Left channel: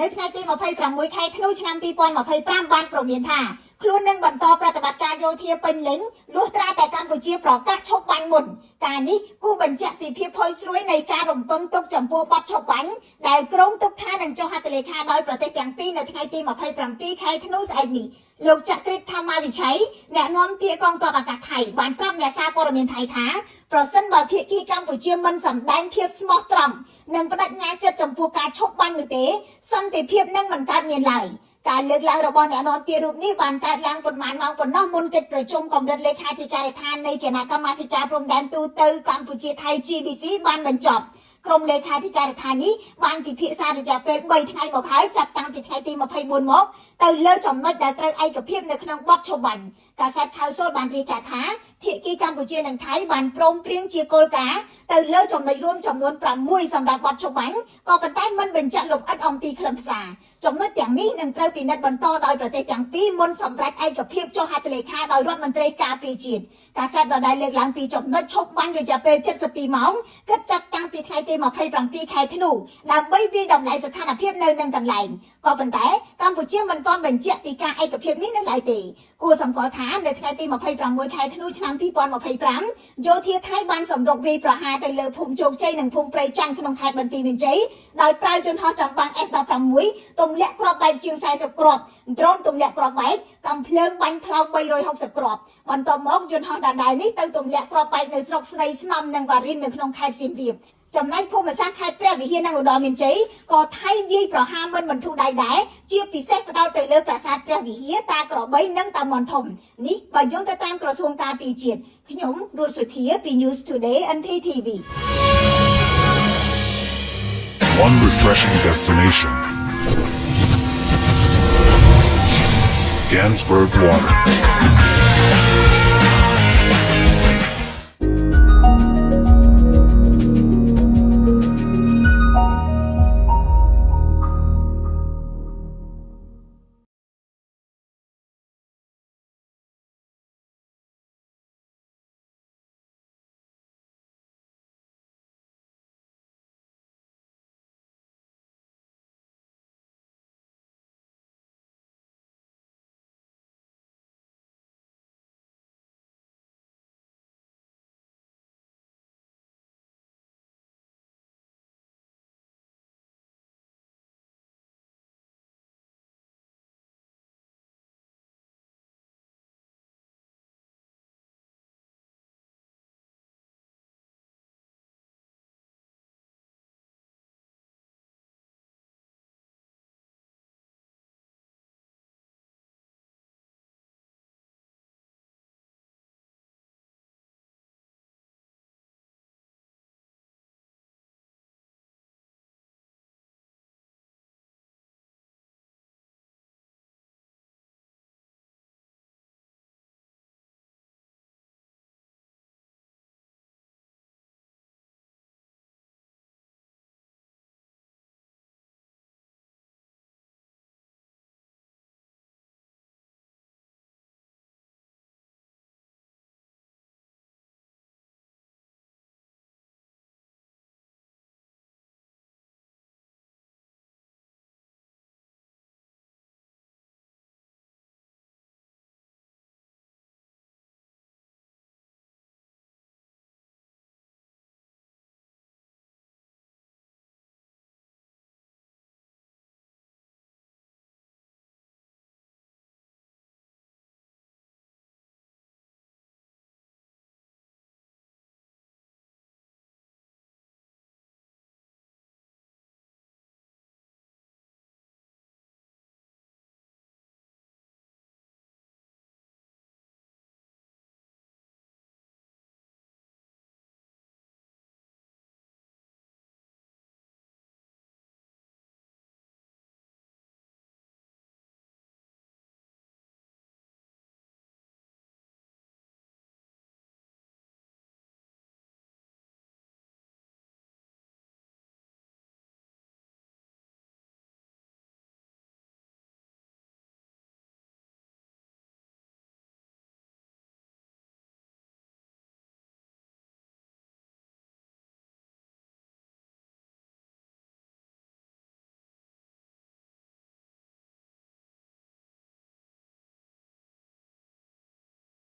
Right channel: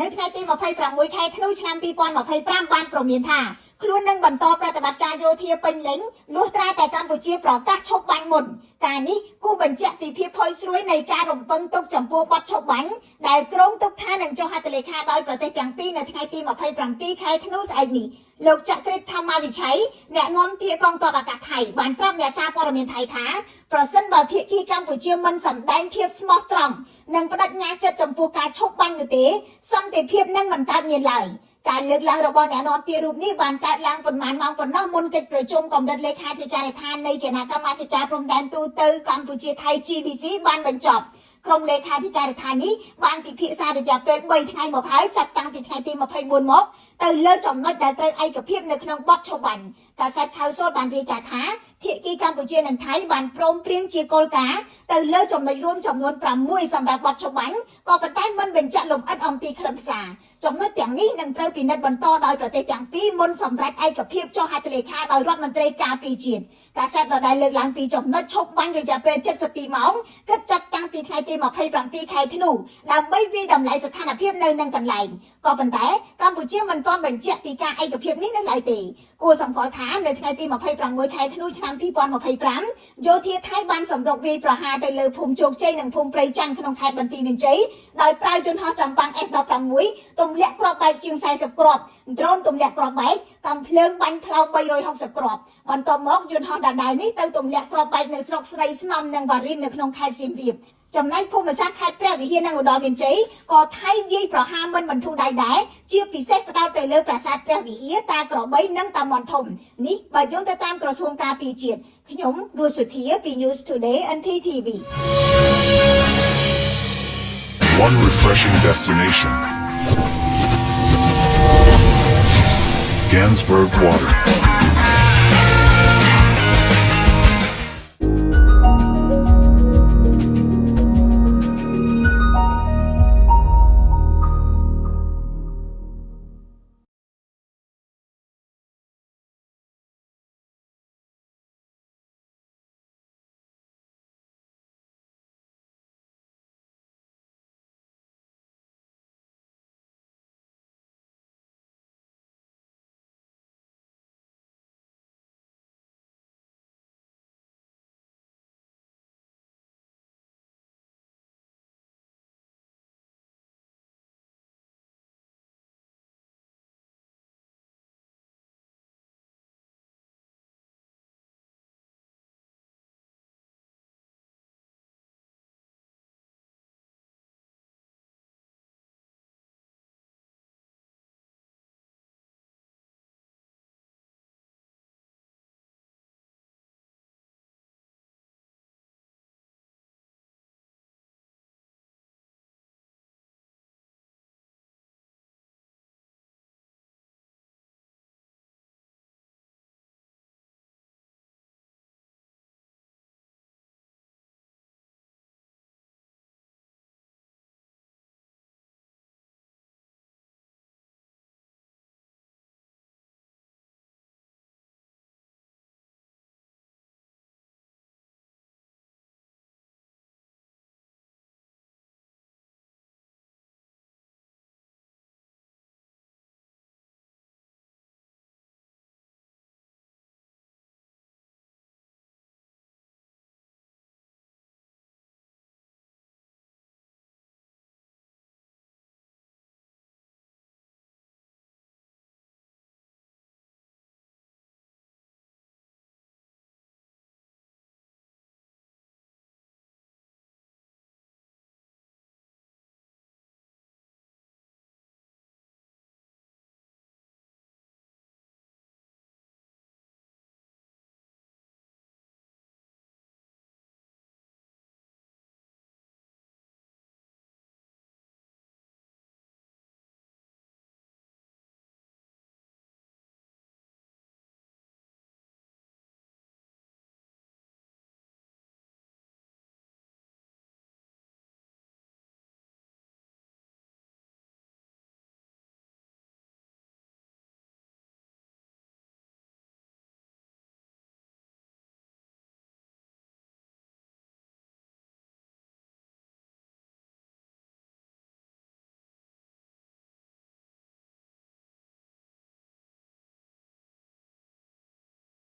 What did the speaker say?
នៅថ្ងៃទី26ខែធ្នូឆ្នាំ2025បានប្រមានថាខ្លួននឹងបន្តប្រតិបត្តិការយោធាពេញលេញលុះត្រាតែកម្ពុជាប្រកាសឈប់បាញ់មុនការនេះគូបញ្ជាក់ពីភាពផុយស្រួយនៃការរំពឹងទុកចំពោះបទឈប់បាញ់ដែលក្រុងទុកថានឹងចុះហត្ថលេខាដោយប្រទេសទាំងពីរនៅថ្ងៃទី27ខែធ្នូស្អែកនេះលោកចក្រិតធម្មវិជ័យអ្នកនាំពាក្យកងទ័ពអាកាសថៃបានប្រាប់អ្នកសារព័ត៌មានថៃថាប្រសិនបើភាគីកម្ពុជាមិនសម្ដែងភាពស្មោះត្រង់និងបដិញ្ញាចិត្តចំពោះការឈប់បាញ់នោះទេសន្តិភាពនឹងមិនកើតមានឡើយការលើកឡើងរបស់អ្នកនាំពាក្យរូបនេះបានកើតឡើងប៉ុន្មានម៉ោងប៉ុណ្ណោះមុនកិច្ចប្រជុំកម្រិតលេខាធិការដ្ឋាននៃគណៈកម្មាធិការព្រំដែនទូទៅកម្ពុជាថៃ GBC បានបញ្ចប់ក្រុមលេខាធិការដ្ឋាននេះបានពិភាក្សារយៈពេល3ថ្ងៃមកហើយចាប់តាំងពីថ្ងៃទី24មកទៅលើចំណុចដែលត្រូវឯកភាពនៅក្នុងបទឈប់បាញ់កាសែតខៅសូលបានរាយការណ៍ថាភាគីកម្ពុជានិងថៃបានព្រមព្រៀងជាគោលការណ៍ទៅលើចំណុចរួមចំនួន6សម្រាប់បទឈប់បាញ់ក៏ប៉ុន្តែមិនបញ្ជាក់លម្អិតអំពីខ្លឹមសារចំណុចទាំងនេះនឹងត្រូវពិនិត្យបន្តដោយប្រទេសទាំងពីរមុនសម្រាប់ឯកភាពចុះហត្ថលេខាដោយរដ្ឋមន្ត្រីការពារជាតិកាសែតដដែលលើកឡើងពីចំណុចឈប់បាញ់រយៈពេល72ម៉ោងគិតចាប់តាំងពីថ្ងៃទី27ខែធ្នូដើម្បីវិយតម្លៃស្ថានភាពនៅនឹងកន្លែងក៏ប៉ុន្តែកម្ពុជាមិនទាន់បញ្ជាក់ពីការឯកភាពនេះនៅឡើយទេគួរសម្គាល់ថានៅថ្ងៃទី26ខែធ្នូឆ្នាំ2025យោធាថៃបានសម្រុកវាយប្រហារទៅលើភូមិជោគជ័យនិងភូមិព្រៃច័ន្ទក្នុងខេត្តបន្ទាយមានជ័យដោយប្រើយន្តហោះចម្បាំង F16 ទម្លាក់គ្រាប់បែកជាង40គ្រាប់ដ្រូនទម្លាក់គ្រាប់បែកកំភ្លើងបាញ់ផ្លោត360គ្រាប់បន្ទាប់មកយន្តហោះដដែលនេះទៅទម្លាក់គ្រាប់បែកនៅស្រុកស្រីស្នំនិងវ៉ារិននៅក្នុងខេត្តសៀមរាបចំណែកភូមិសាស្ត្រខេត្តព្រះវិហារនិងឧត្តរមានជ័យក៏ថៃវាយប្រហារមិនបន្ធូរដៃដែរជាពិសេសផ្ដោតទៅលើប្រាសាទព្រះវិហារតាក្របីនិងតាមាន់ធំនេះបើយោងទៅតាមក្រសួងការពារជាតិខ្ញុំរស់សុធាពី News Today NTTV One refreshing destination. Gansberg Water.